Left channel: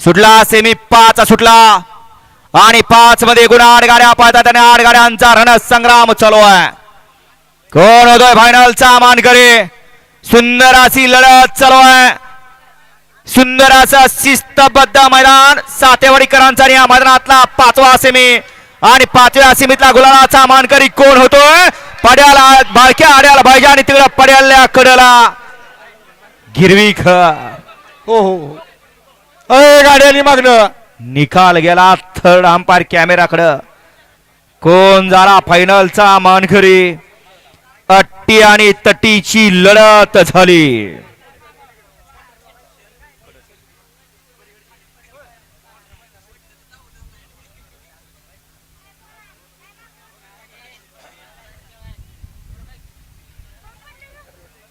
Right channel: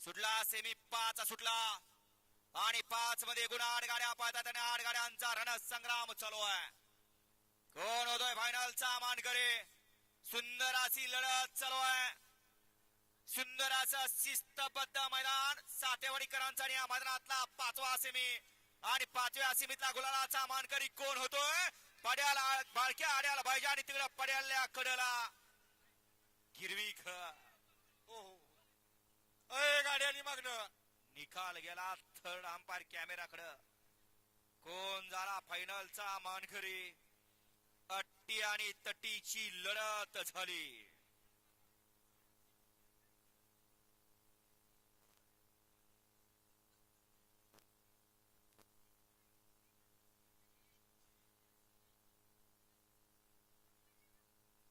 सुटला सेमी पाच सुटला. आणि पाच मध्ये एकूण आठ गाड्या पाहतात आणि आठ गाड्यांचा रणसंग्राम चालू आहे. कोण होतोय फायनलचा मानकरी? सुंदर अशी लढत चालू आहे. सुंदर असं शिस्तबद्ध मैदान सातेवाडीकरांचा आणि या मैदानातला पाचवा सेमी आणि पाचव्या सेमीतला गुलालाचा मानकरी कोण होतोय? पड्याला बाळक्या आड्याला पाहिजे आणि तिकडं पड्याला कडला. गिरवी ख हो हो. हो. अय गाड्यानी मागणं. निकाल गेला थर्ड अंपायर कॅमेराकडं. कोण झाला फायनलचा मानखरी अट्टी आणि तटीची लढत झाली.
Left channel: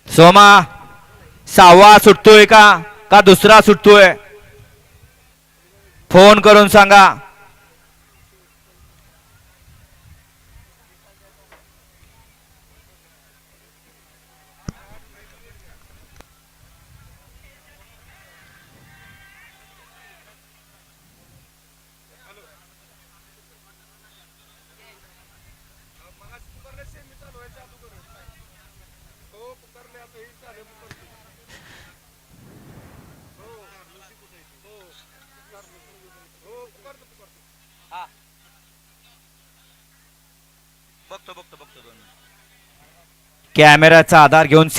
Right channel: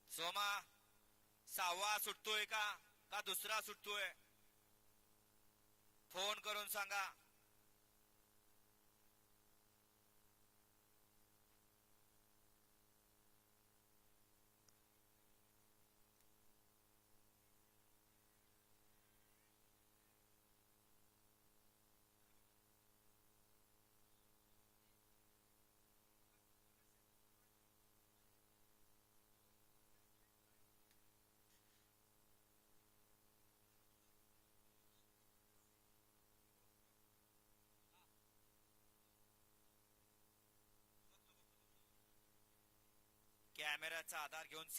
सोमा सहावा सुटतोय का? का दुसरा सुटतोय? फोन करून सांगा. कॅमेऱ्याचा आधार घेऊन